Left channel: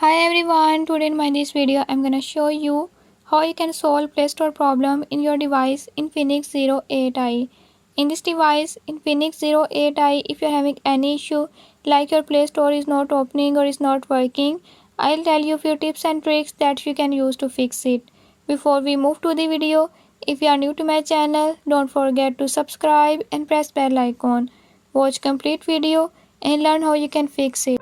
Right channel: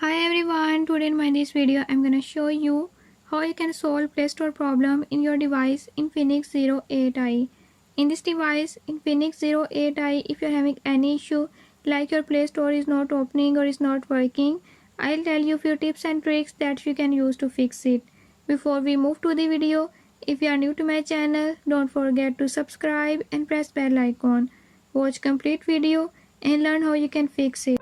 Hi everyone, today in this video I'm gonna show you how you can solve Playstore problem in your device Infinix 08i. In this device Infinix 08i, if you're having any issue like your Playstore is not opening or is not working, I'll tell you few tips and tricks that you can use to fix it. Before we move to the video, if you are new to my channel, don't forget to subscribe and press bell icon. Watch complete video and learn how you can fix it.